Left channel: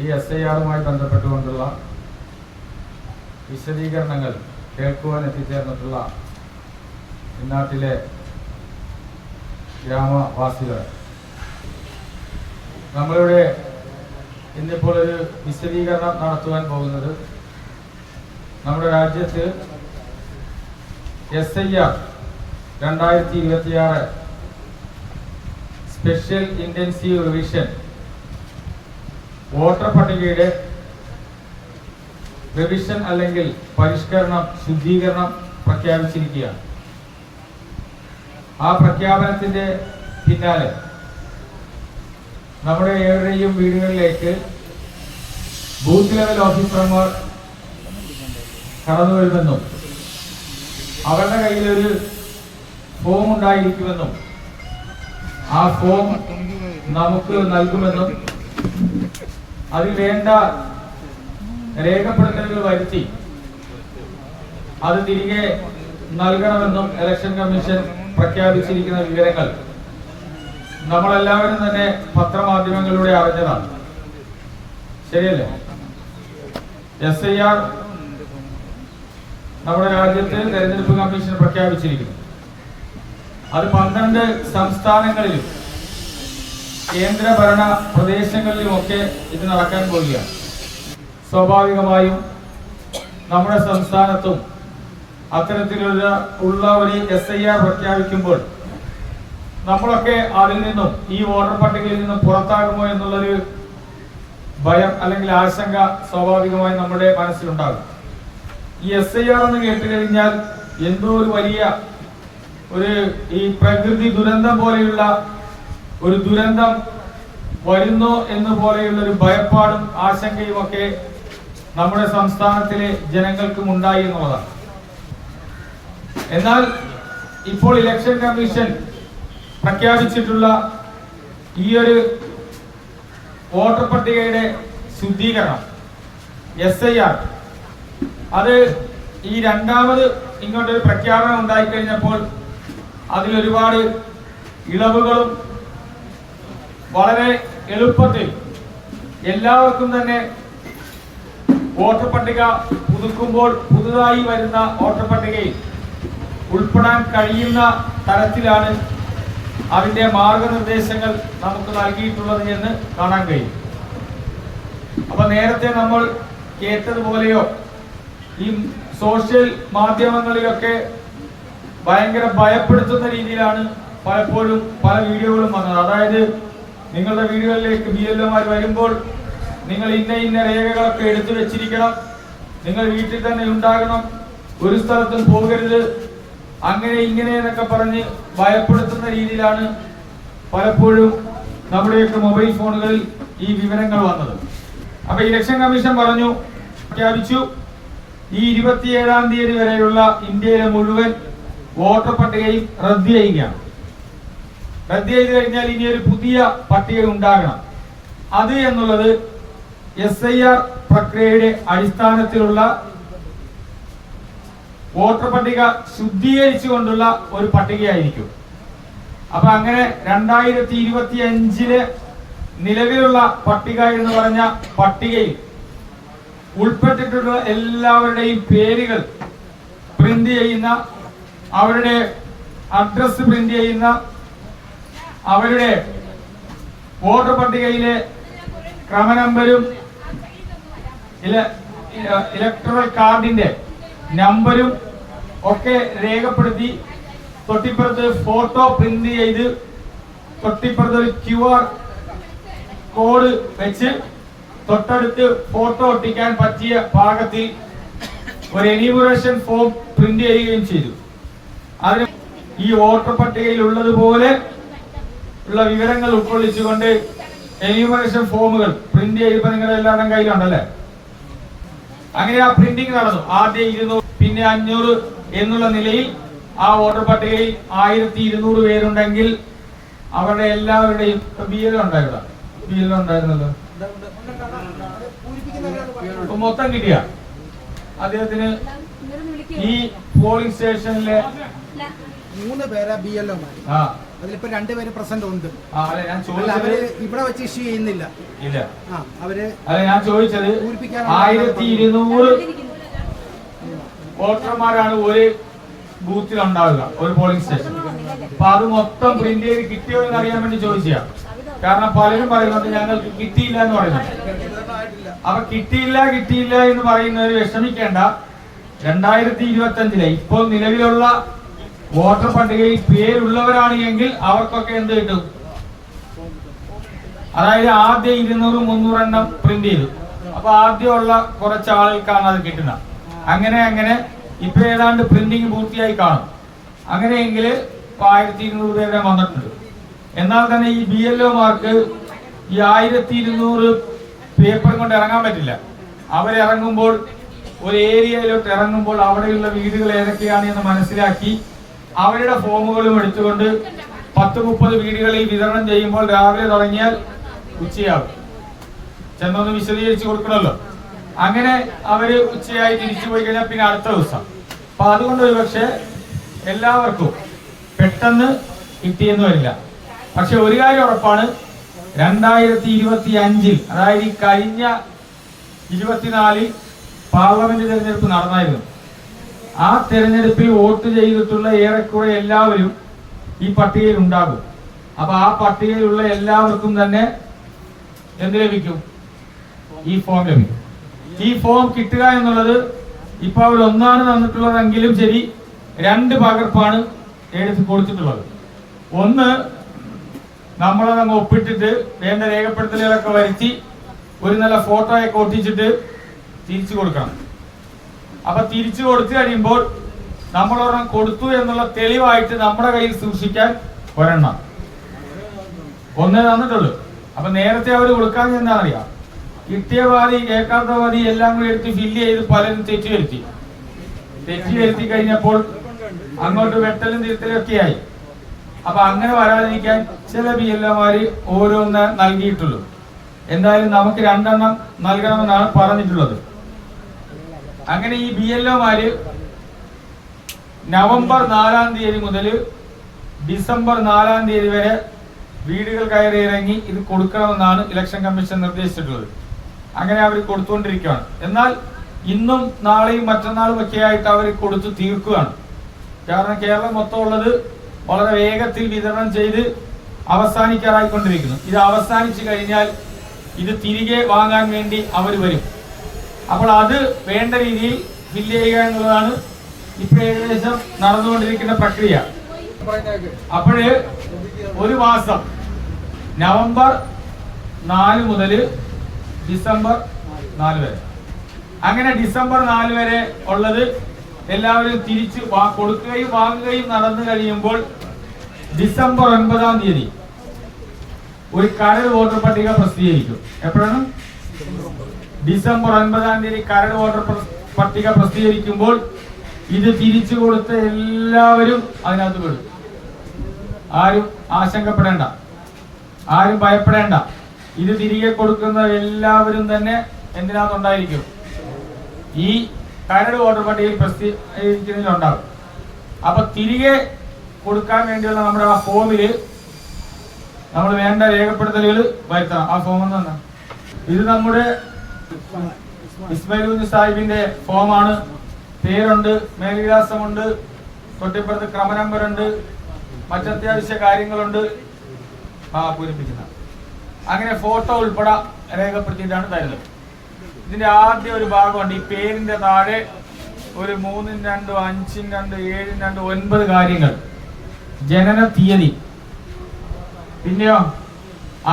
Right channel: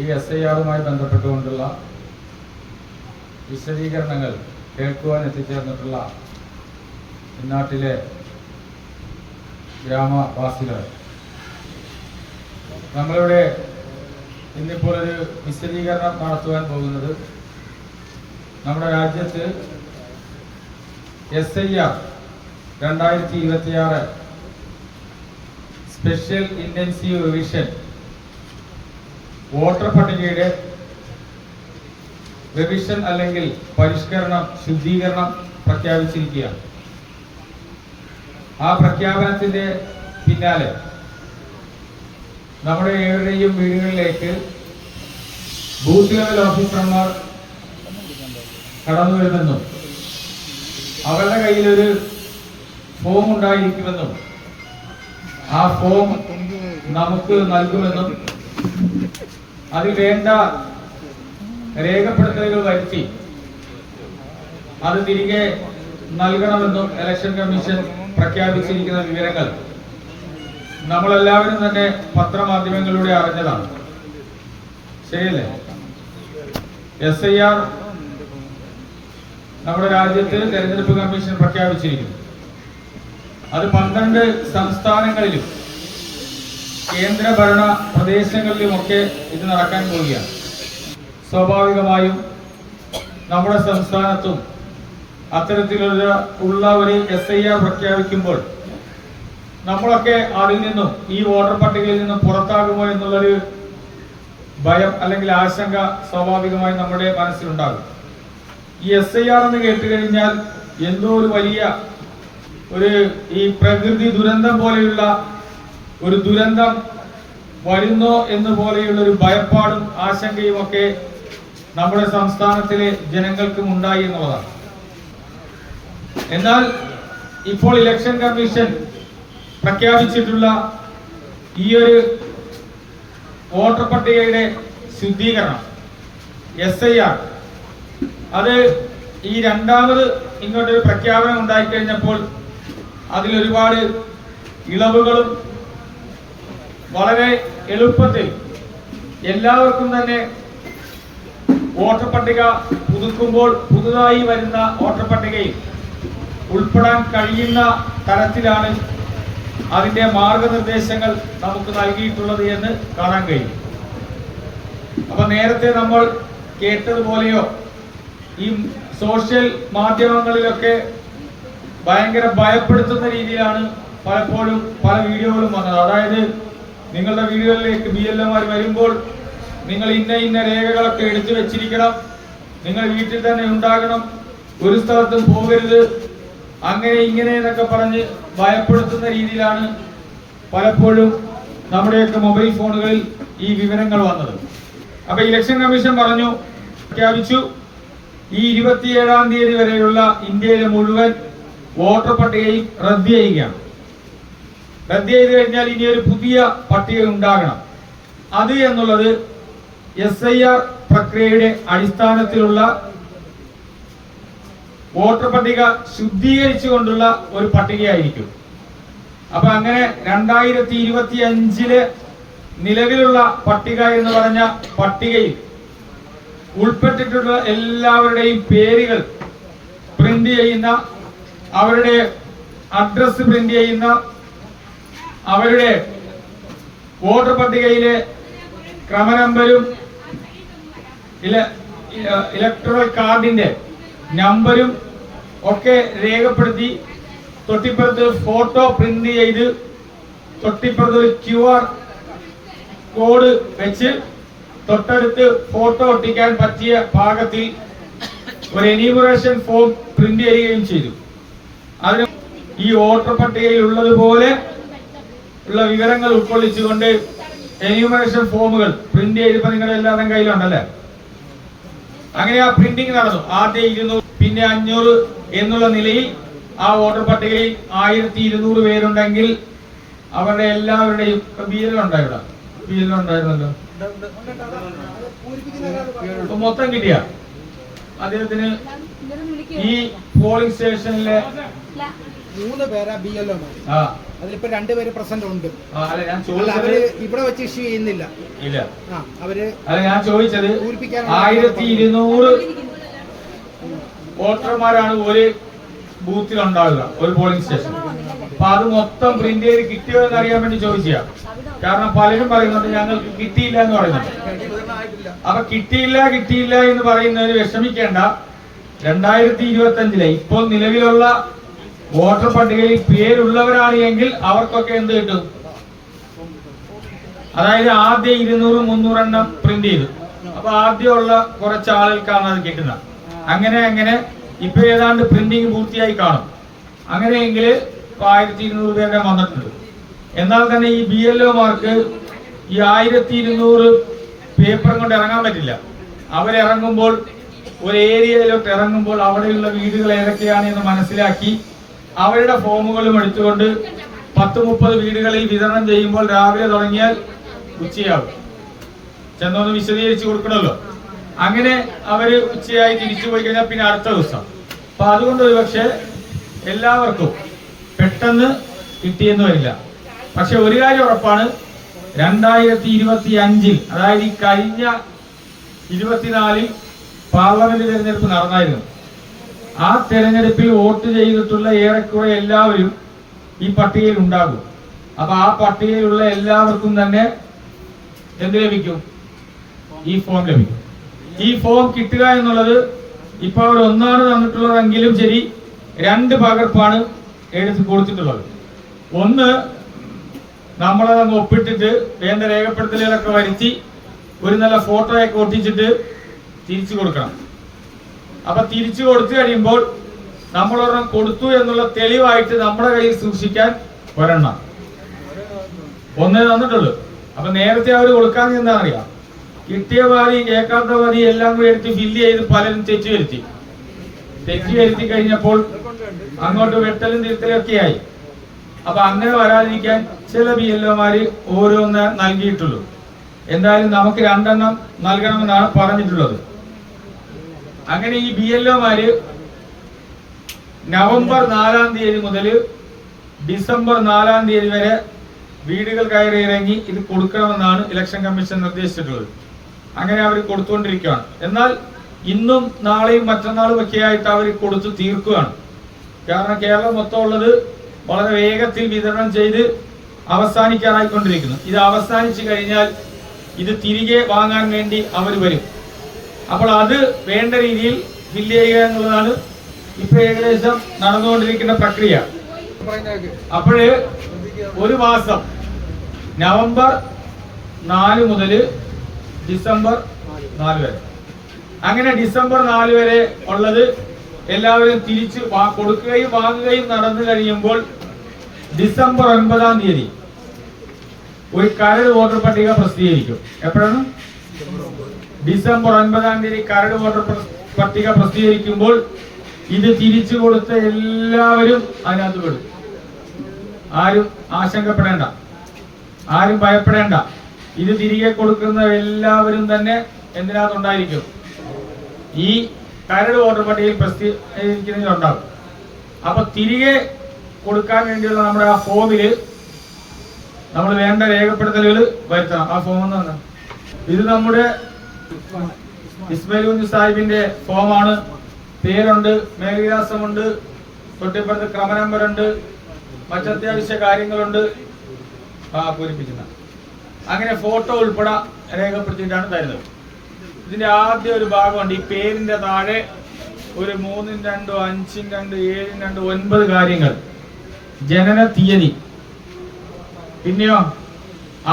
ഈ SIR-മായി ബന്ധപ്പെട്ടുകൊണ്ടുള്ള വിശദീകരണങ്ങൾ കേൾക്കുവാൻ എത്തിച്ചേർന്നിട്ടുള്ള ഇന്നാട്ടിലെ ഗ്രാമവാസികളെ, നമ്മളിവിടെ ഇന്നിപ്പോൾ ഒരു വിശദീകരണം നടത്തുവാൻ പോകുന്നത് നമ്മുടെ രാജ്യത്ത് SIR 2026 special intensive revision voter പട്ടികയുടെ റിവിഷൻ അല്ലെങ്കിൽ പരിഷ്കരണം, ശുദ്ധീകരണം പ്രഖ്യാപിച്ചിരിക്കുകയാണ്. ആ പ്രഖ്യാപനത്തിന്റെ പിന്നാലെ നമ്മുടെ ഏവരുടെയും വീടുകളിലേക്ക് ബൂത്ത് ലെവൽ ഓഫീസർമാർ കടന്നു വരുമെന്നും അവരുടെ കയ്യിലൊരു ഫോം ഉണ്ടായിരിക്കുമെന്നും ആ ഫോം നമുക്ക് നൽകുമെന്നും അതിൽ വേണ്ട രേഖപ്പെടുത്തലുകൾ വരുത്തി അത് തിരികെ നൽകണമെന്നും ഇലക്ഷൻ കമ്മീഷൻ പ്രഖ്യാപിച്ചിരിക്കുന്ന വിവരങ്ങൾ നമ്മളെല്ലാവരും തന്നെ പത്രമാധ്യമങ്ങളിലൂടെ അറിഞ്ഞതാണ്. ശരിയല്ലേ? SIR നമ്മുടെ രാജ്യത്ത് തെരഞ്ഞെടുപ്പ് കമ്മീഷൻ പ്രഖ്യാപിച്ചിരിക്കുന്നു. അത് 12 സംസ്ഥാനങ്ങളിലും കേന്ദ്രഭരണ പ്രദേശങ്ങളിലുമൊക്കെ ഇത് നടക്കാൻ പോവുകയാണ്. സ്വാഭാവികമായും നമ്മുടെ സംസ്ഥാനത്തും അത്തരത്തിലുള്ള ഒരു SIR പ്രഖ്യാപിക്കുമ്പോൾ നമ്മളൊക്കെ അതിൽ നിന്നും, ഈ വോട്ടർ പട്ടികയിൽ നിന്നും പുറത്താകുമോ എന്നുള്ളൊരു ഭയം അല്ലെങ്കിൽ ആശങ്ക സ്വാഭാവികമായി നമ്മുടെ മനസ്സിലുണ്ടാകും. ഈ SIR എന്ന് കേട്ടുകഴിഞ്ഞാൽ എന്തോ ഒരു വലിയ ഈ പ്രകൃതി ദുരന്തം പോലെയുള്ള ഒരു ദുരന്തം വരുന്നോ എന്ന് പോലെയുള്ള ഒരു ഭയപ്പാടും ആശങ്കയും ഒക്കെ നമ്മുടെ സംസ്ഥാനത്തിലെ ജനങ്ങൾക്കും ഉണ്ടായി എന്നുള്ളതാണ്. എന്നാൽ ഇപ്പോൾ ഇലക്ഷൻ കമ്മീഷൻ പ്രഖ്യാപിച്ചിട്ടുള്ള ഈ ഒരു വോട്ടർ പട്ടികയുടെ ശുദ്ധീകരണം SIR, അത് ഈ രണ്ടാമത് ഇങ്ങോട്ടൊരു പ്രഖ്യാപനം ഉണ്ടായിക്കഴിഞ്ഞപ്പോൾ അതിലൊരുപാട് ഇളവുകളും വളരെ എളുപ്പത്തിൽ എല്ലാവർക്കും തന്നെ വോട്ടർ പട്ടിക പുതുക്കുമ്പോൾ പുതുതായി വരുന്ന വോട്ടർ പട്ടികയിൽ ഉൾപ്പെടാൻ കഴിയുന്ന തരത്തിലാണ് അതിന്റെ മാർഗനിർദ്ദേശങ്ങൾ നമുക്ക് നൽകിയിട്ടുള്ളത് എന്ന് കാണാൻ കഴിയും. അപ്പൊ നേരത്തെ നമ്മൾ കേട്ടതുപോലെയോ ഈ സോഷ്യൽ മാധ്യമങ്ങളിലൊക്കെ ഭയങ്കര ഭയപ്പെടുത്തുന്ന രീതിയിലാണ് പലപ്പോഴും പല വീഡിയോകളും വന്നത്. അതായത് നിങ്ങളുടെ വീടുകളിലേക്ക് BLOമാർ വരുമ്പോൾ നിങ്ങൾ ഇന്ന രേഖകളൊക്കെ എടുത്തു വെച്ചിരിക്കണം, നിങ്ങൾ വീട്ടിൽ തന്നെ ഉണ്ടാകണം, ഒരു സ്ഥലത്തും പോകരുത്, അങ്ങനെ ഇങ്ങനെ എന്നൊക്കെ പറഞ്ഞ് ഭയപ്പെടുത്തുന്ന രീതിയിലാണ് പലപ്പോഴും നമ്മുടെയൊക്കെ മൊബൈൽ ഫോണുകളിൽ ഈ വിവരങ്ങൾ വന്നത്. അപ്പൊ ഇലക്ഷൻ കമ്മീഷൻ പ്രഖ്യാപിച്ചു, ഈ 27-ാം തീയതി വരെയുള്ള ഇന്ത്യയിലെ മുഴുവൻ വോട്ടർ പട്ടികയും റദ്ദ് ചെയ്യുകയാണ്. റദ്ദ് ചെയ്ത് കഴിഞ്ഞാൽ ഇനി ഒരു പുതിയ പട്ടിക ഉണ്ടാകണം. അത് എന്നുള്ളത് SIR പ്രക്രിയയുടെ അടിസ്ഥാനത്തിലുള്ള വോട്ടർ പട്ടിക ശുദ്ധീകരിച്ചുകൊണ്ടുള്ള ഒരു പട്ടികയായിരിക്കും. അപ്പൊ അങ്ങനെ 2025 നിലവിലുള്ള പട്ടിക എന്ന് പറഞ്ഞ പട്ടികയിൽ ഉൾപ്പെട്ടിട്ടുള്ള എല്ലാവരുടെയും പേരുകൾ പ്രിന്റ് ചെയ്യുന്ന, അവരുടെ അഡ്രസ് പ്രിന്റ് ചെയ്യുന്ന, അവരുടെ വോട്ടർ പട്ടികയിലെ ക്രമനമ്പരും ഇലക്ട്രൽ കാർഡിന്റെ നമ്പരും ഒക്കെ രേഖപ്പെടുത്തി തൊട്ടിപ്പുറത്ത് ഫോട്ടോ പ്രിന്റ് ചെയ്ത് തൊട്ടിപ്പുറത്ത് QR കോഡ് വെച്ച് തൊട്ടടുത്ത് ഫോട്ടോ ഒട്ടിക്കാൻ പറ്റിയ പാകത്തിൽ ഒരു എന്യൂമറേഷൻ ഫോം പ്രിന്റ് ചെയ്യുകയും ചെയ്തു. അതിന് ഈ വോട്ടർ പട്ടികയിൽ ഉള്ളതുപോലെ ഉള്ള വിവരങ്ങൾ ഉൾക്കൊള്ളിച്ചുകൊണ്ട് എന്യൂമറേഷൻ ഫോമുകൾ പ്രിന്റ് ചെയ്തപ്പോൾ നിങ്ങളുടെ എല്ലാവരുടെ കയ്യിലുണ്ടല്ലേ? അങ്ങനെ ആ പ്രിന്റിംഗ് നടന്നു. ആദ്യം 200, പിന്നെ 500 എന്നുള്ള നിലയിൽ ആ വോട്ടർ പട്ടികയിൽ 1200 പേരുണ്ടെങ്കിൽ അവരുടെ എല്ലാവരുടെയും BLO ഉണ്ടായിരുന്നല്ലോ, മൊത്തം കിട്ടിയ അദ്ദേഹത്തിന് ഈ പോളിംഗ് സ്റ്റേഷനിലെ 3 പേരാ BLO. അതിലിപ്പോ 2 പേര് പ്രസന്റ് ഉണ്ട്. അവര് ഇവിടെ വെച്ച് ഇഷ്യൂ ചെയ്യുന്നില്ല. ഇല്ല, അവര് ഞാൻ ചോദിച്ചത് 1200 വോട്ടർമാരാണ് ഒരു ബൂത്തിൽ ഉണ്ടാവുക, ഒരു പോളിംഗ് സ്റ്റേഷൻ. അപ്പൊ അത് മൊത്തം പ്രിന്റ് ചെയ്ത് കിട്ടിയോ എന്ന് അറിയാൻ വേണ്ടി ചോദിച്ചാ. കാരണം പലരും പറയുന്നുണ്ട് ഞങ്ങൾക്ക് കിട്ടിയില്ല എന്ന് പറയുന്നുണ്ട്. അപ്പൊ കിട്ടിയില്ല എന്ന് പറയുന്നവര് വിഷമിക്കേണ്ട. 2025 ഇപ്പോൾ നിലവിലുള്ള വോട്ടർ പട്ടികയിൽ പേരുള്ളവരാണ് എങ്കിൽ അവർക്കൊക്കെ എന്ത് കിട്ടും? അതായത് ആദ്യം 200-300 എണ്ണം പ്രിന്റ് ചെയ്തു. അപ്പൊ ആദ്യമുള്ള കുറച്ച് ആളുകൾക്കാണ് അത് കിട്ടുന്നത്. അങ്ങനെ ഇപ്പൊ ഏതാണ്ട് പ്രിന്റിങ് പൂർത്തിയായി കാണും. അങ്ങനെയെങ്കിൽ 1200 പേരുടെ വന്നിട്ടുണ്ട്. എന്നാൽ തന്നെ ഈ BLO മാർക്ക് ഈ 1200 പേപ്പർ കൊണ്ട് ഇറങ്ങാൻ പറ്റില്ല. അവരിറങ്ങുമ്പോൾ ഒരു ഏരിയയിലോട്ട് ഇറങ്ങുമ്പോൾ അവിടെയുള്ള വീടുകൾ ഏതൊക്കെയാണ് എന്ന് മനസ്സിലാക്കി അവരുടെ ഫോമുകളും എടുത്തുകൊണ്ട് 10-30 വീടുകളിൽ വിതരണം ചെയ്യുമ്പോൾ രാവിലെ തുടങ്ങിയാൽ ഉച്ചയാകും. ചെന്നൊന്ന് വിശദീകരിച്ച് കൊടുക്കണമല്ലോ. അങ്ങനെ അവര് ഉച്ചയായി തിരിച്ചു പോയി കഴിഞ്ഞാൽ പിന്നെ അടുത്ത ദിവസം. അപ്പൊ അതുകൊണ്ട് ഒരു പക്ഷെ എല്ലാവർക്കും പെട്ടെന്ന് കിട്ടിയെന്ന് വരില്ല. പക്ഷെ ഒരു കാര്യം ഉറപ്പാണ്, 2025 അതായത് ഈ കഴിഞ്ഞ 24 പാർലമെന്റ് തെരഞ്ഞെടുപ്പ് നടന്നായിരുന്നു. ആ തെരഞ്ഞെടുപ്പിൽ വോട്ട് ചെയ്തിട്ടുള്ള ഏറെക്കുറെ എല്ലാവരും ഈ പട്ടികയിൽ ഉണ്ടാകും. അപ്പൊ ആ പട്ടികയിലുള്ള എല്ലാവർക്കും തന്നെ എന്ത് ലഭിക്കും? ഈ ഫോം ലഭിക്കും. ഈ ഫോം കിട്ടുക എന്നുള്ളത് ഇപ്പൊ അവർ ഒന്നാണ് തന്നിട്ടുള്ളതെങ്കിലും ശരി 2 പകർപ്പാണ് എടുത്ത് കൊടുത്തിട്ടുള്ളത്. ഒന്ന് നമ്മളതങ്ങ് ഒപ്പിട്ടിട്ട് വേണ്ട രേഖപ്പെടുത്തലുകളൊക്കെ വരുത്തി ഒരു നല്ല ഫോട്ടോയൊക്കെ ഒട്ടിച്ചിട്ട് തിരിച്ചു കൊടുക്കണം. അപ്പൊ തിരിച്ചു കൊടുത്തു കഴിയുമ്പോൾ നമ്മളൊരെണ്ണം കൊടുത്തു എന്നുള്ള തെളിവായിട്ട് നമ്മുടെ കയ്യിൽ സൂക്ഷിക്കാൻ ഒരെണ്ണം ഒന്നേ തന്നിട്ടുള്ളൂ. അപ്പൊ നേരത്തെ അവർ കൊടുക്കാൻ എന്താണെന്നറിയാം, കിട്ടിയ പാതി കേൾക്കാത്ത പാതി എല്ലാം കൂടി എടുത്ത് ഫില്ല് ചെയ്ത് പലരും തെറ്റി വരുത്തി കഴിഞ്ഞപ്പോൾ അങ്ങോട്ട് വെട്ടലും തിരുത്തലും ഒക്കെയായി. അപ്പൊ അങ്ങനെ വരാതിരിക്കാൻ ചില BLO മാര് ഓരോന്ന് നൽകിയിട്ടുള്ളൂ. എന്തായാലും നമുക്ക് 2 എണ്ണം നൽകണമെന്നാണ് പറഞ്ഞിട്ടുള്ളത്. അങ്ങനെ ഈ BLO മാര് നവംബർ 4-ാം തീയതി മുതൽ ഡിസംബർ 4-ാം തീയതി വരെ വീടുകൾ കയറി ഇറങ്ങി ഇത് കൊടുക്കണമെന്നാണ് ഇലക്ഷൻ കമ്മീഷൻ നിർദ്ദേശിച്ചിട്ടുള്ളത്. അങ്ങനെ അവർ കൊടുത്തുകൊണ്ടിരിക്കുകയാണ്. എന്നാൽ ഇന്നും നാളെയും മറ്റന്നാളും ഒക്കെ ആയിട്ട് അവർ കൊടുത്തു തീർക്കുകയാണ്. കാരണം കേരളം മൊത്തം ഉള്ളത് വളരെ വേഗത്തിൽ വിതരണം ചെയ്ത് അവസാനിക്കാറായിക്കൊണ്ടിരിക്കുന്നു. ഇത് അവസാനിച്ചു കഴിഞ്ഞാൽ ഇത് തിരികെ വാങ്ങാൻ വേണ്ടി അവർ വരും. അപ്പോൾ അത് വേണ്ട രീതിയിൽ ഫില്ല് ചെയ്യുക എന്നുള്ളതാണ് ഇപ്പൊ ഏകദേശം നടന്നുകൊണ്ടിരിക്കുന്ന പ്രക്രിയ. അപ്പോഴ് ഒരു മാസം നവംബർ 4 മുതൽ ഡിസംബർ 4 വരെ, അങ്ങനെ ഡിസംബർ 4 വരെ ഉള്ളത് എല്ലാവരും തിരിച്ച് കൊടുക്കുകയും വാങ്ങുകയും നടന്നു കഴിയുമ്പോൾ ഡിസംബർ 9-ാം തീയതി ഒരു കരട് വോട്ടർ പട്ടിക പ്രസിദ്ധീകരിക്കും. എപ്പോഴാണ്? ഡിസംബർ 9-ാം തീയതി കരട് വോട്ടർ പട്ടിക പ്രസിദ്ധീകരിക്കുമ്പോൾ ഇത് തിരിച്ചു കൊടുത്ത എല്ലാവരും അതിനകത്ത് പെടും. ആരും ആശങ്കപ്പെടേണ്ട, ആരും ഭയപ്പെടേണ്ട. ഇത് തിരികെ കൊടുക്കുന്ന എല്ലാവരും തന്നെ എന്തിനകത്തുണ്ടായിരിക്കും? ഈ കരട് വോട്ടർ പട്ടികയിൽ പ്രസിദ്ധീകരിക്കുന്നതിലുണ്ടാകും. അപ്പൊ തിരികെ കൊടുക്കാൻ വേണ്ടിയുള്ള നമ്മുടെ ആ ഫോമില് നമ്മൾ വേണ്ട രേഖപ്പെടുത്തലുകൾ വരുത്തണം. ആ ഫോം എന്ന് ഇത് നമ്മുടെ ഇസ്മായിൽ കുഞ്ഞ് സാഹിബിന്റെ ഫോമാണ്. പേരുണ്ട്, മേൽവിലാസമുണ്ട്, തൊട്ടിപ്പുറത്ത് ക്രമ നമ്പറുണ്ട്, മറ്റത്യാവശ്യ കാര്യങ്ങളുണ്ട് പൂരിപ്പിക്കുന്ന. അങ്ങനെ ഫോട്ടോ ഉൾപ്പെടെ രേഖപ്പെടുത്തിയിട്ടാണ് തരുന്നത്. ഇതിന്റെ ആദ്യം ഒരു ഭാഗമുണ്ട്. ഈ പേരിന്റെ താഴെ ഒരു 3-2, 5-2, 7-2, 9 കാര്യങ്ങൾ. ജനന തീയതി, പിന്നെയോ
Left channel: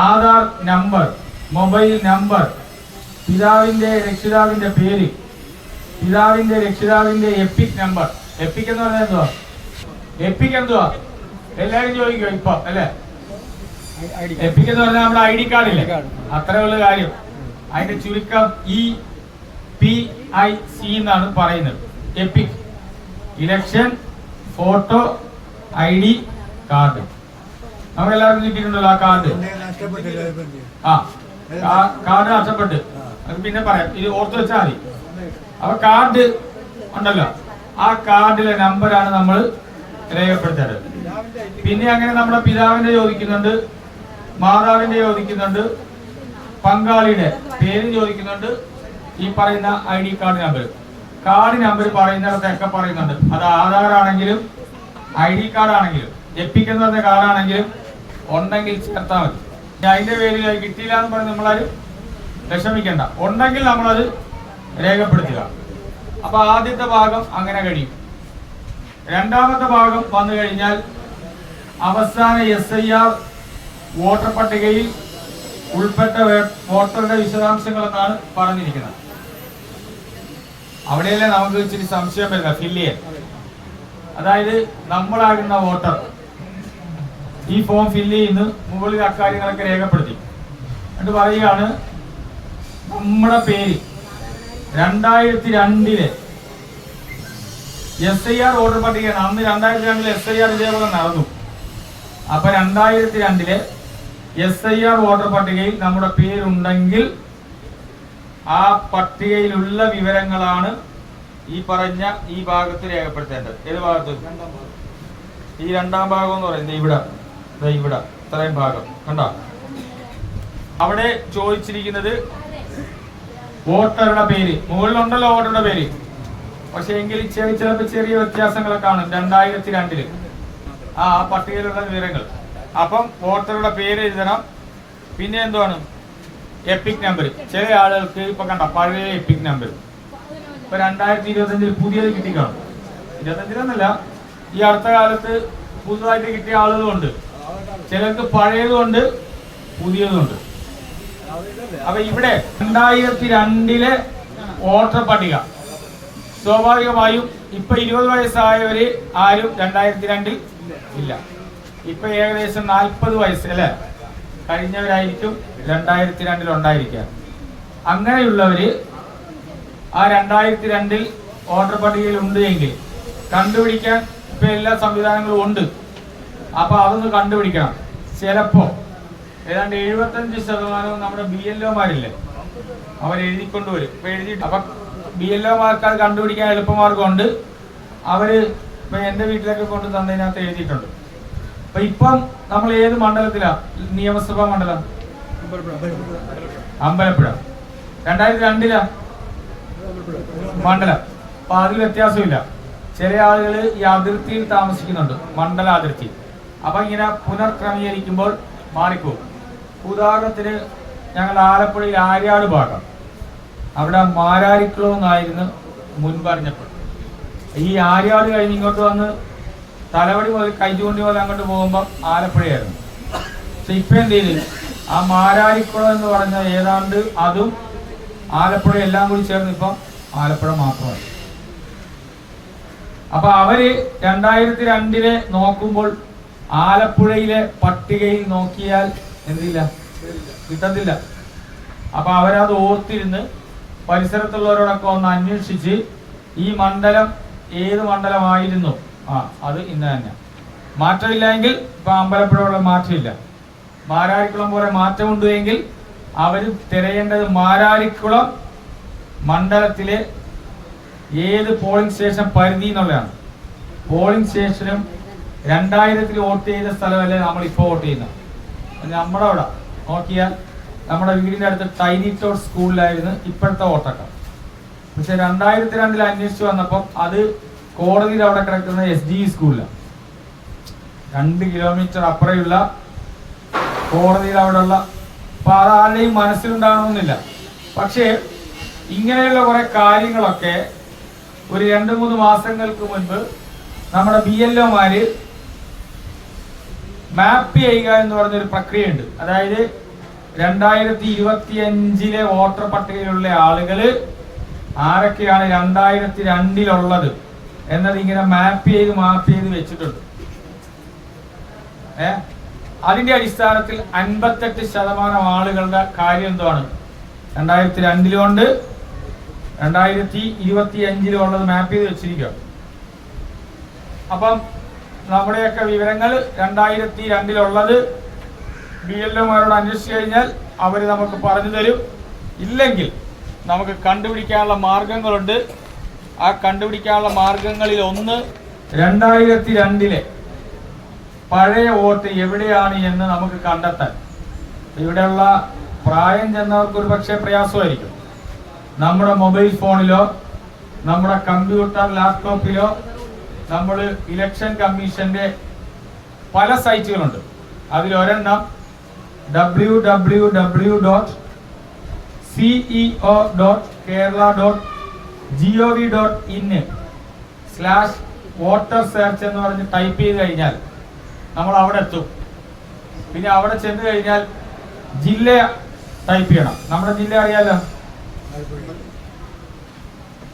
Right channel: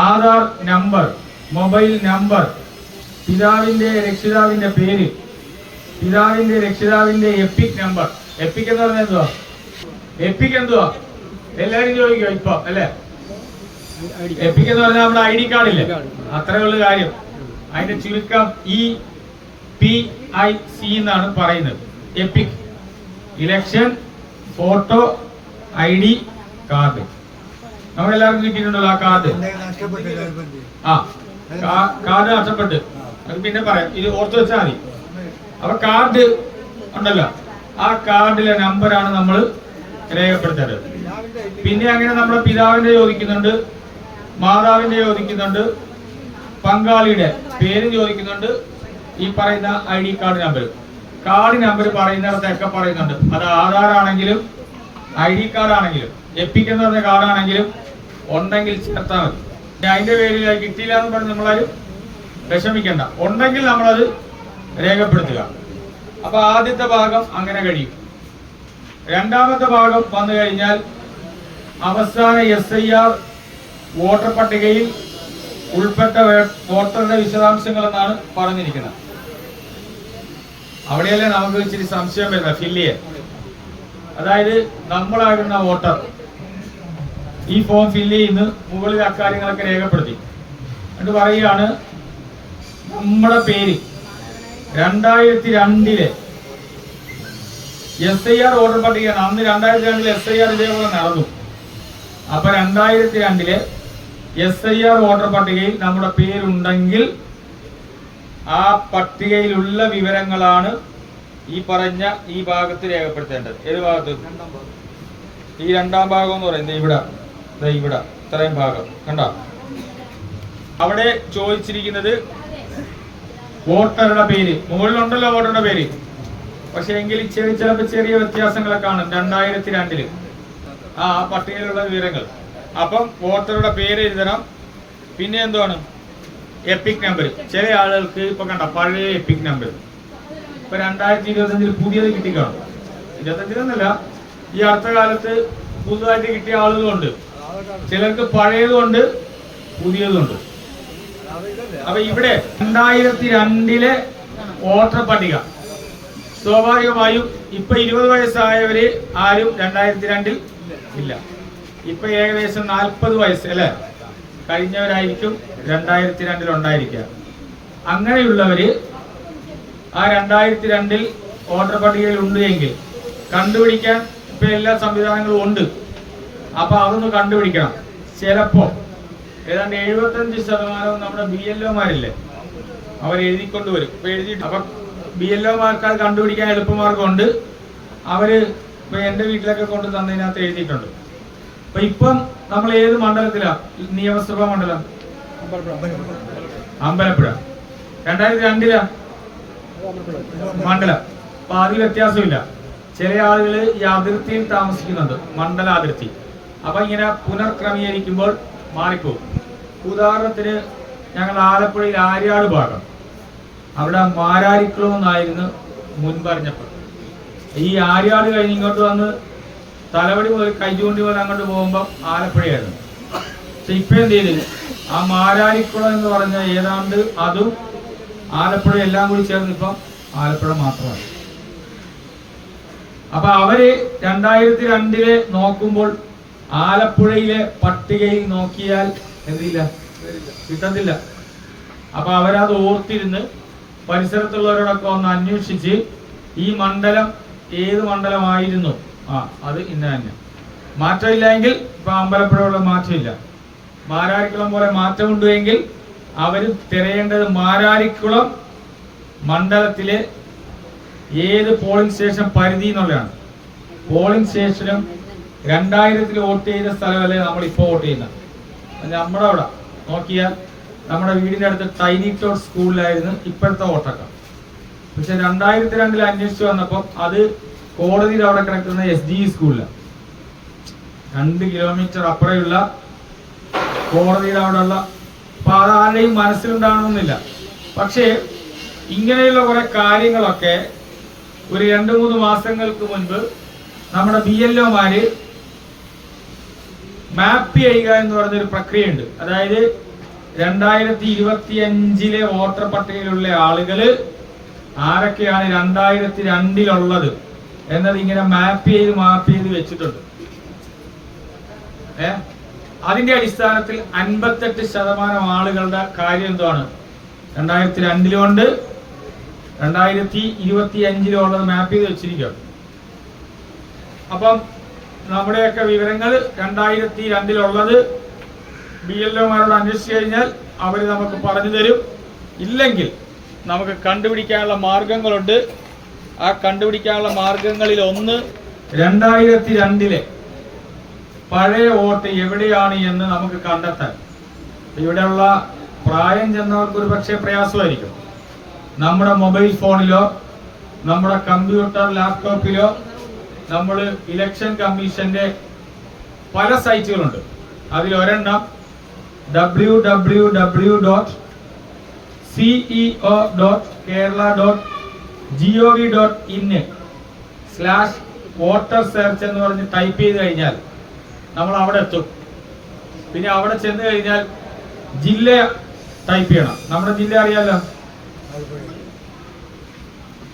ആധാർ നമ്പർ, മൊബൈൽ നമ്പർ, പിതാവിന്റെ രക്ഷിതാവിന്റെ പേര്, പിതാവിന്റെ രക്ഷിതാവിന്റെ എപ്പിക് നമ്പർ. എപ്പിക് എന്ന് പറഞ്ഞാൽ എന്തുവാ? എപ്പിക് എന്തുവാ എല്ലാവരും ചോദിക്കോ ഇപ്പൊ അല്ലെ? എപ്പിക് എന്ന് പറഞ്ഞാൽ നമ്മുടെ ID കാർഡില്ലേ, അത്രയുള്ള കാര്യം. അതിന്റെ ചുരുക്കം EPIC എന്നാണ് പറയുന്നത്. EPIC election photo ID card. നമ്മളെല്ലാവരും കിട്ടിയിട്ടുണ്ടല്ലോ ആ കാർഡ്. കാർഡ് നഷ്ടപ്പെട്ട് അത് പിന്നെ പറയാം, ഇത് ഓർത്ത് വെച്ചാൽ മതി. അപ്പൊ കാർഡ് ഉണ്ടല്ലോ, ആ കാർഡിലെ നമ്പറാണ് നമ്മൾ രേഖപ്പെടുത്തേണ്ടത്. പിന്നെ അങ്ങനെ നമ്മുടെ പിതാവിന്റെ ചോദിക്കുന്നുണ്ട്, മാതാവിന്റെ ചോദിക്കുന്നുണ്ട്, പങ്കാളിയുടെ പേര് ചോദിക്കുന്നുണ്ട്, ഈ പറയുന്ന ID card number, card number പറയുന്നിടത്തൊക്കെ പറയുന്നുണ്ട്. അത് ആധാർ ആണെങ്കിലും ID കാർഡ് ആണെങ്കിലും എപ്പിക് എന്ന് പറഞ്ഞ കാർഡാണെങ്കിലും ഉണ്ടെങ്കിൽ ചേർത്താൽ മതി. അതിന്റെ പേരിൽ കിട്ടിയില്ല എന്ന് പറഞ്ഞ് നമ്മളാരും വിഷമിക്കണ്ട, ഉണ്ടെങ്കിൽ നമ്മളത് രേഖപ്പെടുത്തുക. അപ്പൊ ആദ്യത്തെ ഭാഗം അങ്ങനെ കഴിയും. രണ്ടാമത്തെ ഭാഗം വന്നു കഴിഞ്ഞാൽ അവസാന SIR വോട്ടർ പട്ടികയിൽ ഉൾപ്പെട്ട വോട്ടറുടെ വിശദാംശങ്ങൾ എന്നാണ് പറഞ്ഞിരിക്കുന്നത്. അവിടെയല്ലേ നമുക്ക് ഇച്ചിരി സംശയം വരുന്നത്, ഫില്ല് ചെയ്യാൻ. അതായത് നമ്മളാകുന്ന വോട്ടർ ഈ ഫോം ഫില്ല് ചെയ്യുന്നു, മുകളിൽ അക്കാര്യങ്ങളൊക്കെ രേഖപ്പെടുത്തി എന്നിട്ട് പറയുകയാണ് നമ്മുടെ പേര് 2002 SIR വോട്ടർ പട്ടികയാണ്. അന്ന് 2002 SIR ഇതേപോലെ നടന്നു. അപ്പൊ 2002 SIR വോട്ടർ പട്ടികയിൽ നമ്മുടെ പേരുണ്ടെങ്കിൽ ആ പട്ടികയിലുള്ള വിവരങ്ങളാണ് ഈ പറഞ്ഞ ഈ ഭാഗത്ത് രേഖപ്പെടുത്തേണ്ടത്. ഏത് ഭാഗത്ത്? ഈ രണ്ടാം ഭാഗം എന്ന് പറയുന്നത് ഇവിടെ, ഇവിടെ ഇത്രയും ഭാഗം കണ്ടോ? അവിടെ ചോദിച്ചിരിക്കുന്നത് വോട്ടറുടെ പേര് മുകളിലുണ്ടല്ലോ, വോട്ടറുടെ പേര്. പക്ഷെ എങ്കിൽ ചിലപ്പോൾ ചെറിയ വ്യത്യാസങ്ങളൊക്കെ കാണും 2002 ആ പട്ടികയിലുള്ള വിവരങ്ങൾ. അപ്പം വോട്ടറുടെ പേര് എഴുതണം. പിന്നെ എന്താണ്? EPIC number. ചില ആളുകൾക്ക് ഇപ്പൊ കണ്ട പഴയ എപ്പിക് നമ്പർ ഇപ്പൊ 2025 പുതിയത് കിട്ടിക്കാണും. 25 ഈ അടുത്ത കാലത്ത് പുതുതായിട്ട് കിട്ടിയ ആളുകളുണ്ട്. ചിലർക്ക് പഴയതുകൊണ്ട് പുതിയതുണ്ട്. അപ്പൊ ഇവിടെ 2002 വോട്ടർ പട്ടിക സ്വാഭാവികമായും ഇപ്പൊ 20 വയസ്സായവര് ആരും 2002 ഇല്ല. ഇപ്പൊ ഏകദേശം 40 വയസ്സ് അല്ലെ കഴിഞ്ഞവരായിരിക്കും 2002 ഉണ്ടായിരിക്കുക. അങ്ങനെയുള്ളവര് ആ 2002 വോട്ടർ പട്ടികയിൽ ഉണ്ട് എങ്കിൽ കണ്ടുപിടിക്കാൻ ഇപ്പൊ എല്ലാ സംവിധാനങ്ങളും ഉണ്ട്. അപ്പൊ അതൊന്ന് കണ്ടുപിടിക്കണം. ചിലപ്പോ ഏതാണ്ട് 75% നമ്മുടെ BLOമാരില്ലേ, അവർ എഴുതിക്കൊണ്ടുവരും. ഇപ്പൊ എഴുതി അപ്പൊ BLOമാർക്ക് അത് കണ്ടുപിടിക്കാൻ എളുപ്പമാർഗമുണ്ട്. അവര് ഇപ്പൊ എന്റെ വീട്ടിലൊക്കെ കൊണ്ട് തന്നതിനകത്ത് എഴുതിയിട്ടുണ്ട്. അപ്പൊ ഇപ്പം നമ്മൾ ഏത് മണ്ഡലത്തിലാ? നിയമസഭാ മണ്ഡലം അമ്പലപ്പുഴ. 2002 മണ്ഡലം. അപ്പൊ അതിൽ വ്യത്യാസമില്ല. ചില ആളുകൾ ഈ അതിർത്തിയിൽ താമസിക്കുന്നുണ്ട്, മണ്ഡല അതിർത്തി. അപ്പൊ ഇങ്ങനെ പുനർക്രമീകരിക്കുമ്പോൾ മാറിപ്പോകും. ഉദാഹരണത്തിന് ഞങ്ങൾ ആലപ്പുഴയിൽ ആര്യാട് ഭാഗം, അവിടെ മാരാരിക്കുളം എന്നായിരുന്നു മുൻപറിഞ്ഞപ്പോൾ. ഈ ആര്യാട് കഴിഞ്ഞ് ഇങ്ങോട്ട് വന്ന് തലവടി മുതൽ കൈചൂണ്ടി മുതൽ അങ്ങോട്ട് പോകുമ്പോൾ ആലപ്പുഴയായിരുന്നു. പക്ഷെ ഇപ്പൊ എന്ത് ചെയ്തു? ആ മാരാരിക്കുളം എന്ന് പറഞ്ഞ ഏതാണ്ട് അതും ആലപ്പുഴ എല്ലാം കൂടി ചേർന്ന് ഇപ്പം ആലപ്പുഴ മാത്രമായി. അപ്പൊ അവര് 2002 നോക്കുമ്പോൾ ആലപ്പുഴയിലെ പട്ടികയിൽ നോക്കിയാൽ എന്തില്ല, കിട്ടത്തില്ല. അപ്പൊ അവരത് ഓർത്തിരുന്ന് പരിസരത്തുള്ളവരോടൊക്കെ ഒന്ന് അന്വേഷിച്ച് ഈ മണ്ഡലം ഏത് മണ്ഡലമായിരുന്നു, അത് ഇന്ന തന്നെ. മാറ്റമില്ലെങ്കിൽ ഇപ്പൊ അമ്പലപ്പുഴയുള്ള മാറ്റമില്ല. മാരാരിക്കുളം പോലെ മാറ്റമുണ്ട് എങ്കിൽ അവര് തിരയേണ്ടത് മാരാരിക്കുളം മണ്ഡലത്തിലെ ഏത് പോളിംഗ് സ്റ്റേഷൻ പരിധി എന്നുള്ളതാണ്. പോളിംഗ് സ്റ്റേഷനും 2000 വോട്ട് ചെയ്ത സ്ഥലമല്ലേ നമ്മളിപ്പോ വോട്ട് ചെയ്യുന്നത്. നമ്മുടെ അവിടെ നോക്കിയാൽ നമ്മുടെ വീടിന്റെ അടുത്ത് ടൈനി ടോട്ട് സ്കൂളിലായിരുന്നു ഇപ്പോഴത്തെ വോട്ടൊക്കെ. പക്ഷെ 2002 അന്വേഷിച്ചു വന്നപ്പോൾ അത് കോടതിയിൽ അവിടെ കിടക്കുന്ന SGE സ്കൂളിലാണ്. 2 കിലോമീറ്റർ അപ്പുറമുള്ള കോടതിയിൽ അവിടെ ഉള്ള. അപ്പൊ അതാരെയും മനസ്സിലുണ്ടാകണമെന്നില്ല. പക്ഷേ ഇങ്ങനെയുള്ള കുറെ കാര്യങ്ങളൊക്കെ ഒരു 2-3 മാസങ്ങൾക്ക് മുൻപ് നമ്മുടെ BLOമാര് മാപ്പ് ചെയ്യുക എന്ന് പറഞ്ഞൊരു പ്രക്രിയയുണ്ട്. അതായത് 2025 വോട്ടർ പട്ടികയിലുള്ള ആളുകള് ആരൊക്കെയാണ് 2002 എന്നത് ഇങ്ങനെ മാപ്പ് ചെയ്ത് വെച്ചിട്ടുണ്ട്. അതിന്റെ അടിസ്ഥാനത്തിൽ 58% ആളുകളുടെ കാര്യം എന്താണ് 2002 ഉണ്ട്, 2025 ഉള്ളത് മാപ്പ് ചെയ്ത് വെച്ചിരിക്കുക. അപ്പം നമ്മുടെയൊക്കെ വിവരങ്ങൾ 2002 BLOമാരോട് അന്വേഷിച്ചു കഴിഞ്ഞാൽ അവർ നമുക്ക് പറഞ്ഞു തരും. ഇല്ലെങ്കിൽ നമുക്ക് കണ്ടുപിടിക്കാനുള്ള മാർഗങ്ങളുണ്ട്. ആ കണ്ടുപിടിക്കാനുള്ള മാർഗങ്ങളിൽ ഒന്ന് 2002 പഴയ വോട്ട് എവിടെയാണ് എന്ന് നമുക്ക് കണ്ടെത്താൻ ഇവിടെയുള്ള പ്രായം ചെന്നവർക്ക് ഒരു പക്ഷേ പ്രയാസമായിരിക്കും. നമ്മുടെ മൊബൈൽ ഫോണിലോ നമ്മുടെ കമ്പ്യൂട്ടർ ലാപ്ടോപ്പിലോ നമ്മൾ ഇലക്ഷൻ കമ്മീഷന്റെ പല സൈറ്റുകളുണ്ട്. അതിലൊരെണ്ണം www.ceo.kerala.gov.in/voter search എന്ന് പറഞ്ഞ് ടൈപ്പ് ചെയ്ത് കഴിഞ്ഞാൽ നമ്മൾ അവിടെ എത്തും. പിന്നെ അവിടെ ചെന്ന് കഴിഞ്ഞാൽ ജില്ല ടൈപ്പ് ചെയ്യണം. നമ്മുടെ ജില്ല അറിയാലോ,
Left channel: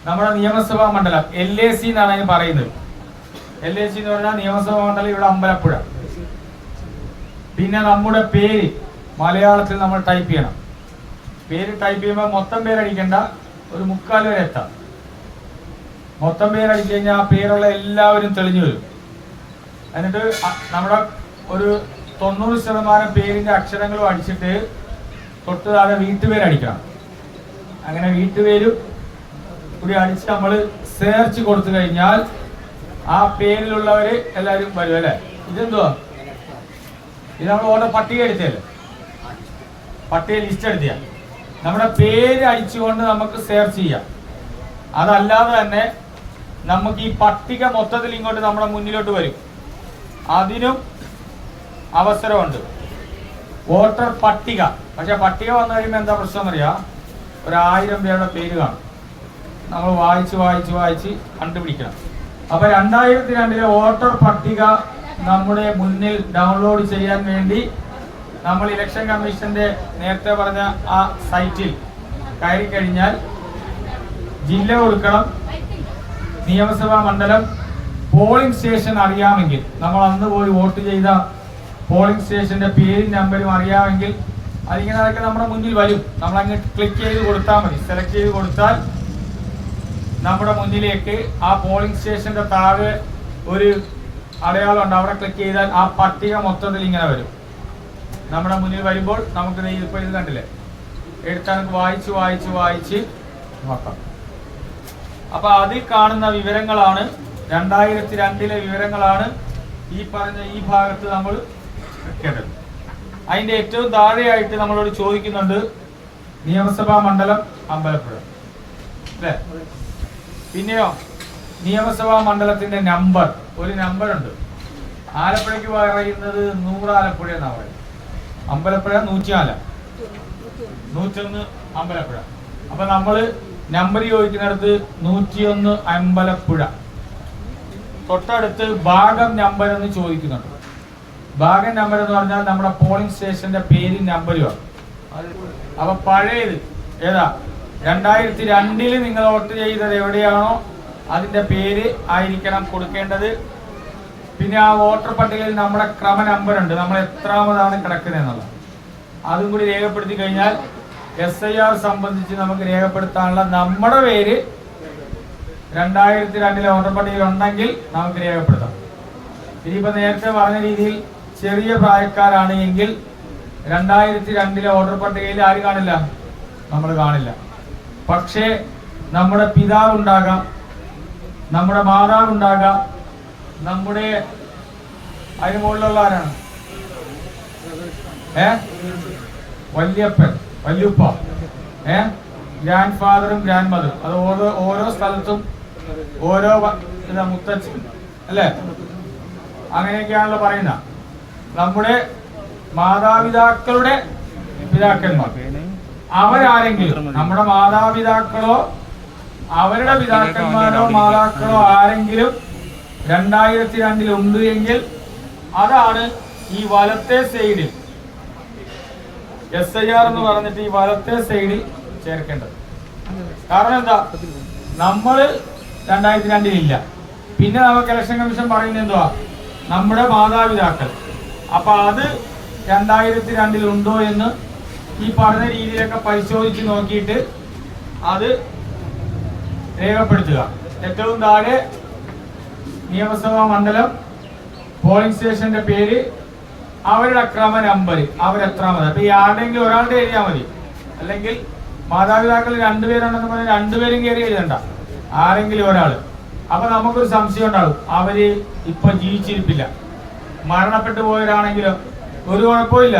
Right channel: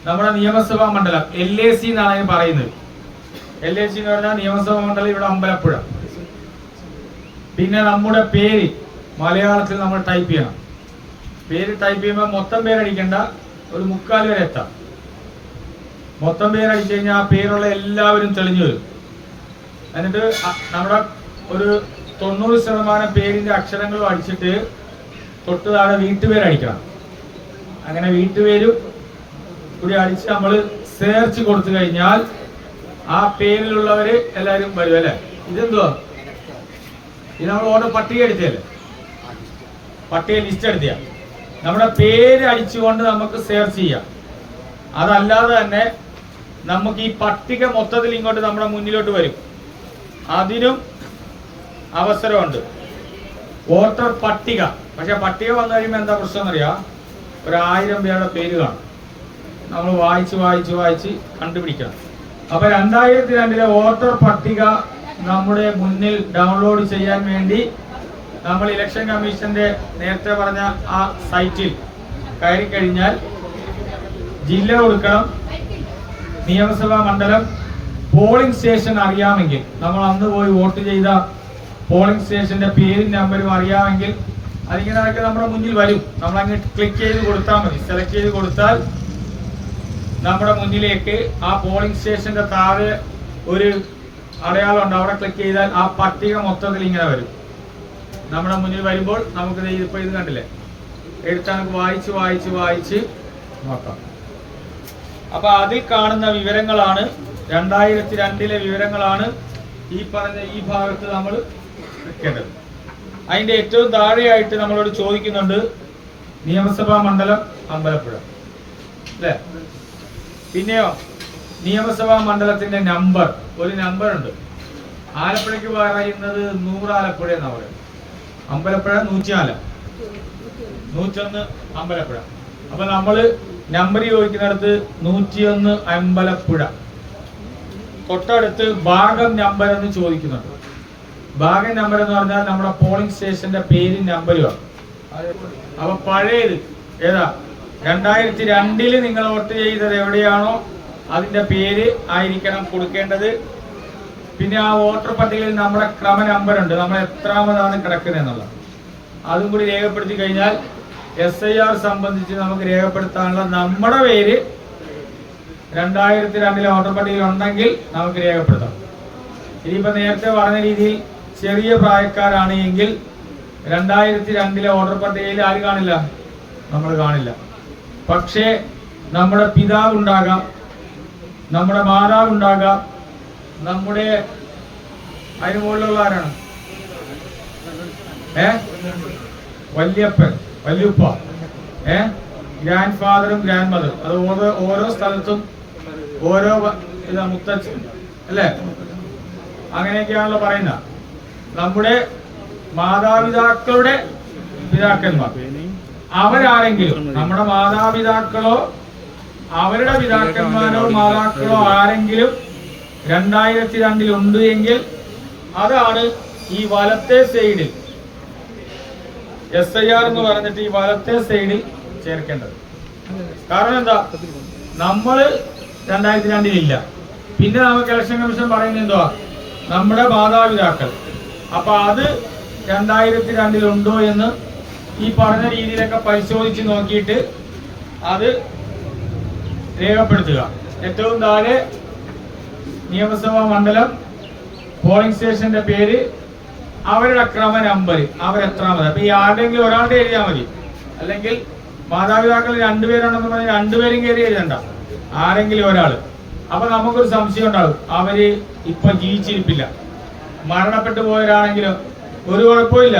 നമ്മുടെ നിയമസഭാ മണ്ഡലം LAC എന്നാണ് അതിന് പറയുന്നത്. LAC എന്ന് പറഞ്ഞാൽ നിയമസഭാ മണ്ഡലം ഇവിടെ അമ്പലപ്പുഴ. പിന്നെ നമ്മുടെ പേര് മലയാളത്തിൽ നമ്മൾ ടൈപ്പ് ചെയ്യണം. പേര് ടൈപ്പ് ചെയ്യുമ്പോൾ മൊത്തം പേരടിക്കണ്ട, ഒരു 3/4 വരെ എത്താം. മൊത്തം പേരടിച്ചു കഴിഞ്ഞാൽ ആ പേരുള്ള എല്ലാവരും തെളിഞ്ഞു വരും. എന്നിട്ട് നമ്മുടെ ഒരു 90% പേരിന്റെ അക്ഷരങ്ങളും അടിച്ചിട്ട് തൊട്ട് താഴെ വീട്ടുപേരടിക്കണം. അങ്ങനെ വീട്ടുപേരും കൂടി അടിച്ച് നമ്മൾ സെർച്ച് കൊടുത്തു കഴിഞ്ഞാൽ ആ പേരിലുള്ളവര് എല്ലാവരും വരും അല്ലെ. ഇതെന്തുവാ? ഇത് നമ്മൾ ഓരോ പട്ടിക എടുത്തല്ലേ, പട്ടിക ലിസ്റ്റ് എടുത്തിയ നമ്മുടെ പേര് അടിച്ചുകൊണ്ട് നമുക്ക് സെർച്ച് ചെയ്യാം. അതല്ലാതെ തന്നെ നമുക്ക് ഈ പട്ടിക മൊത്തത്തിൽ ഇങ്ങോട്ട് നമ്മുടെ മുന്നിലോട്ട് വരും. അതിനും അവസരമുണ്ട്. വോട്ടർ പട്ടിക. പക്ഷെ പട്ടിക വന്നു കഴിയുമ്പോൾ എന്താ പ്രശ്നം എന്നറിയാം, 1000 പേരുടെ പേര് കാണും. നമ്മൾ വായിച്ച് കണ്ടുപിടിക്കണം. അപ്പൊ 2002 വോട്ടർ പട്ടിക നമ്മുടെ മുന്നിൽ ഡൗൺലോഡ് ചെയ്യാൻ വേണ്ടി നമ്മൾ ഇലക്ഷൻ കമ്മീഷന്റെ നേരത്തെ പറഞ്ഞ ആ സൈറ്റിൽ കയറി കഴിഞ്ഞാൽ ജില്ല കൊടുക്കണം, നിയമസഭാ മണ്ഡലം, പോളിംഗ് സ്റ്റേഷൻ അറിയാമെങ്കിൽ, നമ്മൾ അന്ന് പോയി വോട്ട് ചെയ്ത പോളിംഗ് സ്റ്റേഷന്റെ പേരും നമ്പരും അറിയാമെങ്കിൽ അതിങ്ങനെ നമ്മുടെ മുന്നിൽ വരും. നമ്മൾ അങ്ങ് ക്ലിക്ക് ചെയ്ത് കൊടുത്താൽ മതി. സെലക്ട് ചെയ്ത് കൊടുത്താൽ നമ്മുടെ മുന്നിലേക്ക് ആ പോളിംഗ് സ്റ്റേഷന്റെ താഴെ ഒരു അടയാളം ഉണ്ട്. അവിടെ ക്ലിക്ക് ചെയ്താൽ ആ പട്ടിക മൊത്തത്തിൽ ഇങ്ങനെ വരും. നമ്മുടെ മുന്നിൽ വരുമ്പോൾ നമുക്ക് ഇതിപ്പോ ഇത് കണ്ടില്ലേ, എടുത്താൽ നമുക്ക് വായിച്ച് നോക്കാം. അപ്പൊ അതിൽ കാണുന്ന വിവരങ്ങളാണ് 2002 വിവരങ്ങളാണ് ഈ പറഞ്ഞ ഈ ഭാഗത്ത് നമ്മൾ വെക്കേണ്ടത്. അതിന്റെ ഏറ്റവും താഴെയായിട്ട് നമ്മളോട് ചോദിക്കുന്നുണ്ട് നിയമസഭാ മണ്ഡലം അമ്പലപ്പുഴ അല്ലേ. പിന്നെയോ നിയമസഭാ മണ്ഡലത്തിന്റെ നമ്പർ, ഒരു നമ്പർ ഉണ്ട്. ആലപ്പുഴയ്ക്ക് പറയുന്നത് 100 ആലപ്പുഴ എന്നാ പറയുന്നത്. അമ്പലപ്പുഴ 104, 101 അമ്പലപ്പുഴ. അപ്പൊ നമ്മള് നമ്പർ ചോദിക്കുന്നിടത്ത് 101 അമ്പലപ്പുഴ. തൊട്ടടുത്ത് ഭാഗം നമ്പർ എന്ന് ചോദിക്കുന്നുണ്ട്. ഭാഗം നമ്പർ എന്ന് പറഞ്ഞാൽ നമ്മുടെ പോളിംഗ് സ്റ്റേഷന്റെ പേരും നമ്പരുമാണ്. അപ്പൊ പഴയത് ഏതാ, 2002 നിങ്ങൾ വോട്ട് ചെയ്തത് എവിടെയാണോ അതിന്റെ പേര് ആയിരിക്കണം കൊടുക്കേണ്ടത്. പിന്നെ ആ വോട്ടർ പട്ടികയിൽ നമ്മുടെ ക്രമ നമ്പർ ഉണ്ട്, നമ്മൾ എത്രാമതാണ് കിടക്കുന്നത് എന്നുള്ളത്. അതും കൂടി രേഖപ്പെടുത്തി കഴിഞ്ഞാൽ SIR സംബന്ധിച്ച് നമുക്ക് രേഖപ്പെടുത്താനുള്ള നമ്മുടെ പേര് 2002 വോട്ടർ പട്ടികയിൽ ഉണ്ടെങ്കിൽ നമുക്ക് രേഖപ്പെടുത്താം. ഇനിയിപ്പോ നേരത്തെ പറഞ്ഞ രീതിയിൽ ചെറിയ പ്രായക്കാരാണ് എങ്കിൽ 2002 വോട്ടർ പട്ടികയിൽ ആര് കാണില്ല, നമ്മൾ കാണില്ല. പക്ഷേ നമ്മുടെ പിതാവ് ഉണ്ടാകാം, നമ്മുടെ മാതാവ് ഉണ്ടാകാം, നമ്മുടെ അതിന് മുകളിലുള്ള ആരാണ്, വല്യപ്പൻ, വല്യുപ്പ, ഗ്രാൻഡ് ഫാദറും ഗ്രാൻഡ് മദറും. അത് ഓരോ സ്ഥലത്തും ഓരോ മുത്തച്ഛൻ അല്ലേ, അങ്ങനെയൊക്കെയാണല്ലോ പറയുന്ന. നമ്മുടെ മാതാപിതാക്കളുടെ പിതാക്കന്മാർ അവരാരെങ്കിലും, നമ്മുടെ മാതാപിതാക്കളോ അവരുടെ പിതാക്കന്മാരോ മാതാക്കളോ ആരെങ്കിലും 2002 ഉണ്ട് എങ്കിൽ അതാണ് ഈ വലത്തെ സൈഡിൽ SIR എന്ന് പറഞ്ഞിട്ട് ഈ വലത്തെ സൈഡിൽ ചേർക്കേണ്ടത്. കാരണം എന്താ, നമ്മള് 2002 ഇല്ല. പിന്നെ നമുക്ക് ഇലക്ഷൻ കമ്മീഷൻ പറയുന്നത് എന്തുവാ, നമ്മുടെ മാതാപിതാക്കൾ. അപ്പൊ അത് 2002 ഉണ്ടോ എന്ന് ഈ പറഞ്ഞ രീതിയിലൊക്കെ പരിശോധിച്ച് നോക്കിയിട്ട് അത് രേഖപ്പെടുത്തുക. ഏറ്റവും താഴെ നിയമസഭാ മണ്ഡലം, പോളിംഗ് സ്റ്റേഷന്റെ പേര്, അവരുടെ ക്രമ നമ്പർ, അവരെത്രാമത്. അപ്പൊ ഈ ആരുടെയെങ്കിലും ഒരാളുടെ എഴുതിയാൽ മതി. അല്ലെങ്കിൽ മാതാപിതാക്കൾ 2 പേരുണ്ടെന്ന് പറഞ്ഞാൽ 2 പേരും കയറി എഴുതണ്ട, ആരെങ്കിലും ഒരാൾ. അപ്പൊ നമുക്കൊരു സംശയം ഉണ്ടാവും, അവര് ഇപ്പൊ ജീവിച്ചിരിപ്പില്ല, മരണപ്പെട്ടു പോയവരാണെങ്കിലോ ഒരു കുഴപ്പമില്ല.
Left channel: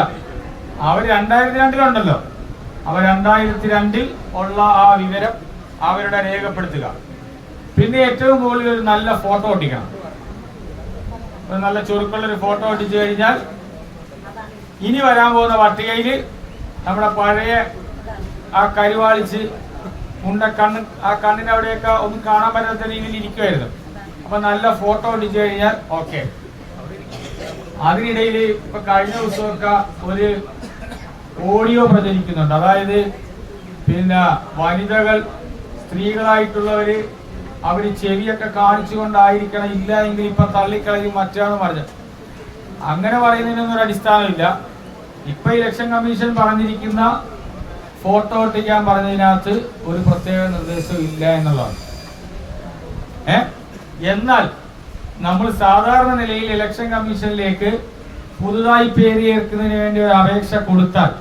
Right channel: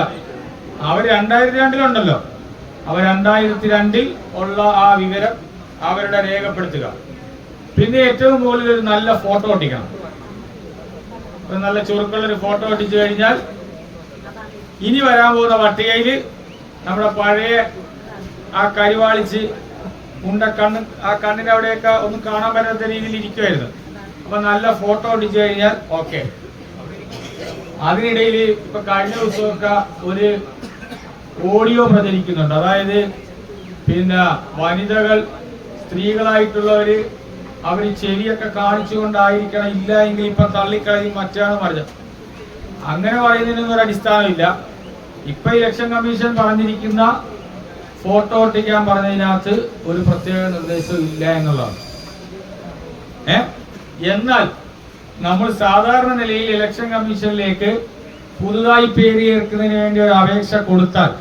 അവർ 2002 അവർ 2002 ഉള്ള ആ വിവരം അവരുടെ രേഖപ്പെടുത്തുക. പിന്നെ ഏറ്റവും മുകളിൽ ഒരു നല്ല ഫോട്ടോ ഒട്ടിക്കണം. ഒരു നല്ല ചുരുക്കുള്ളൊരു ഫോട്ടോ ഒട്ടിച്ചു കഴിഞ്ഞാൽ ഇനി വരാൻ പോകുന്ന പട്ടികയിൽ നമ്മുടെ പഴയ ആ കരുവാളിച്ച് കണ്ണ് ആ കണ്ണിന്റെ അവിടെയൊക്കെ ഒന്നും കാണാൻ പറ്റാത്ത രീതിയിൽ ഇരിക്കുമായിരുന്നു. അപ്പൊ നല്ല ഫോട്ടോ ഒട്ടിച്ചു കഴിഞ്ഞാൽ ഓക്കെ. അതിനിടയിൽ ഇപ്പൊ കഴിഞ്ഞ ദിവസമൊക്കെ ഒരു ഓഡിയോ പ്രചരിക്കുന്നുണ്ട്. അതായത് പിന്നെ വനിതകൾ സ്ത്രീകളായിട്ടുള്ളവര് അവര് ചെവിയൊക്കെ കാണിച്ചുകൊണ്ടായിരിക്കണം, ഇല്ല എങ്കിൽ ഇപ്പൊ തള്ളിക്കളയും മറ്റാന്ന് പറഞ്ഞു. അങ്ങനെ പറയുന്നതിനൊന്നും ഒരു അടിസ്ഥാനമില്ല. ഇപ്പൊ ഇലക്ഷൻ കമ്മീഷൻ പറഞ്ഞിരിക്കുന്ന ഫോട്ടോ ഒട്ടിക്കാൻ പറഞ്ഞതിനകത്ത് ഒരു പ്രത്യേക നിർദ്ദേശവും ഇല്ല എന്നുള്ളതാണ്. എന്നാൽ നമ്മൾ സാധാരണ നിലയിൽ ഇലക്ഷൻ കമ്മീഷനിലേക്ക് പുതുതായി പേര് ചേർക്കുന്നതിന് വേണ്ടി ഒരു അപേക്ഷ കൊടുത്താൽ